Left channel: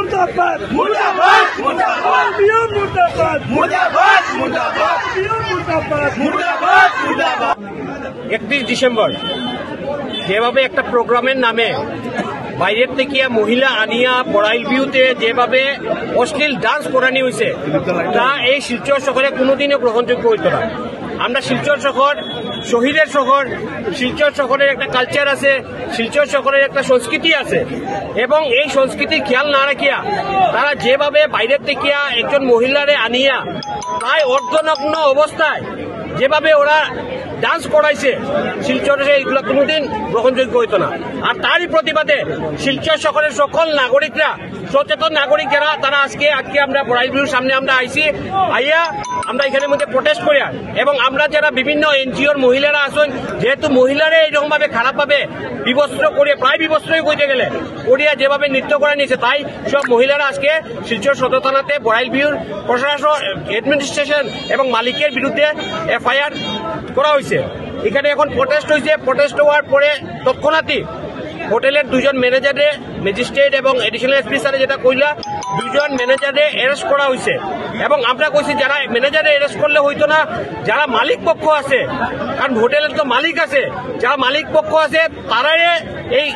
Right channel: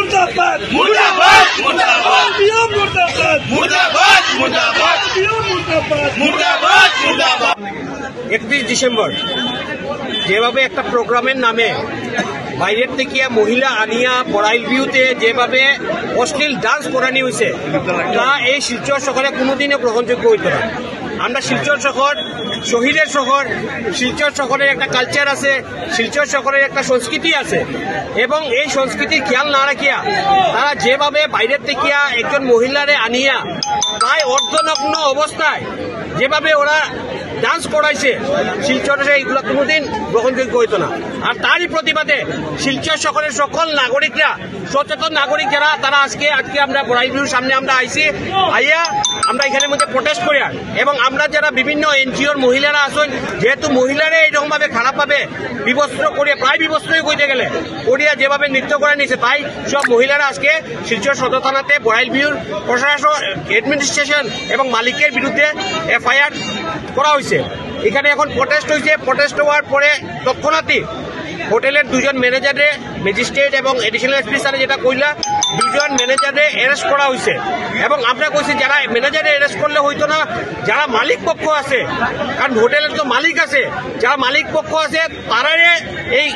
मुर्दाबाद मुर्दाबाद मुर्दाबाद मुर्दाबाद मुर्दाबाद मुर्दाबाद मुर्दाबाद मुर्दाबाद मुर्दाबाद 31 ডিসেম্বর যেভাবে একটা প্রোগ্রামের নামে বাইরের থেকে মহিলা আনিয়া বড়াইল ভিউতে যেভাবে অশ্লীল ডান্স করানি হয়েছে তা এই শিলচর শহরে কোনোদিনও গ্রহণযোগ্য হইত না। আমরা শিলচর শহর শহীদের শহর, শিলচর শহরের একটা কালচার আছে, শিলচর শহরের একটা সংস্কৃতি আছে এবং এই সংস্কৃতির খেয়াল না রাখিয়া তারা যেভাবে বাইরের থেকে একজন মহিলারে আনিয়া প্রায় অর্ধনগ্ন অবস্থায় যেভাবে ওরা ডান্স করাইছে শিলচরে এইগুলো কোনোদিন গ্রহণযোগ্য হইত না। আর তারই প্রতিবাদে শিলচর শহরের সকল নাগরিকরা, সচেতন নাগরিক যারা, তারা আজকে আমরা বড়াইল ভিউর সামনে আমরা আইয়া আমরা এখানের মধ্যে প্রোটেস্ট করি। এবং আমরা যারা বিভিন্ন এনজিওর মহিলারা আছেন, যেহেতু মহিলারা এইরকম ভাবে খারাপ ভাবে বিবস্ত্র করিয়া প্রায় বিবস্ত্রই কইতে গেলে করিয়া যেভাবে নৃত্য করে নিয়েছে, তাই সব মহিলারা আজকে শিলচর সদর থানাতে বড়াইল ভিউর প্রশাসন, অ্যাডমিনিস্ট্রেশন এবং মালিকের বিরুদ্ধে এফআইআর করা হয়েছে। এখানে এখন প্রোটেস্ট হয়েছে। প্রোটেস্ট হওয়ার পরে তৎক্ষণাৎই হোটেলের দুজন ম্যানেজারে, ম্যাজিস্ট্রেট এবং এডিশনাল এসপি স্যারে যেটা কইলা, দুজন ম্যানেজারে অ্যারেস্ট করা হয়েছে। এবং আমরা কইছি যারা ম্যানেজারে অ্যারেস্ট করলে হইতো না, যারা মালিক পক্ষ আছে, কারণ হোটেলের তো মালিক আছে, যারা মালিক পক্ষ আছে তারাই এই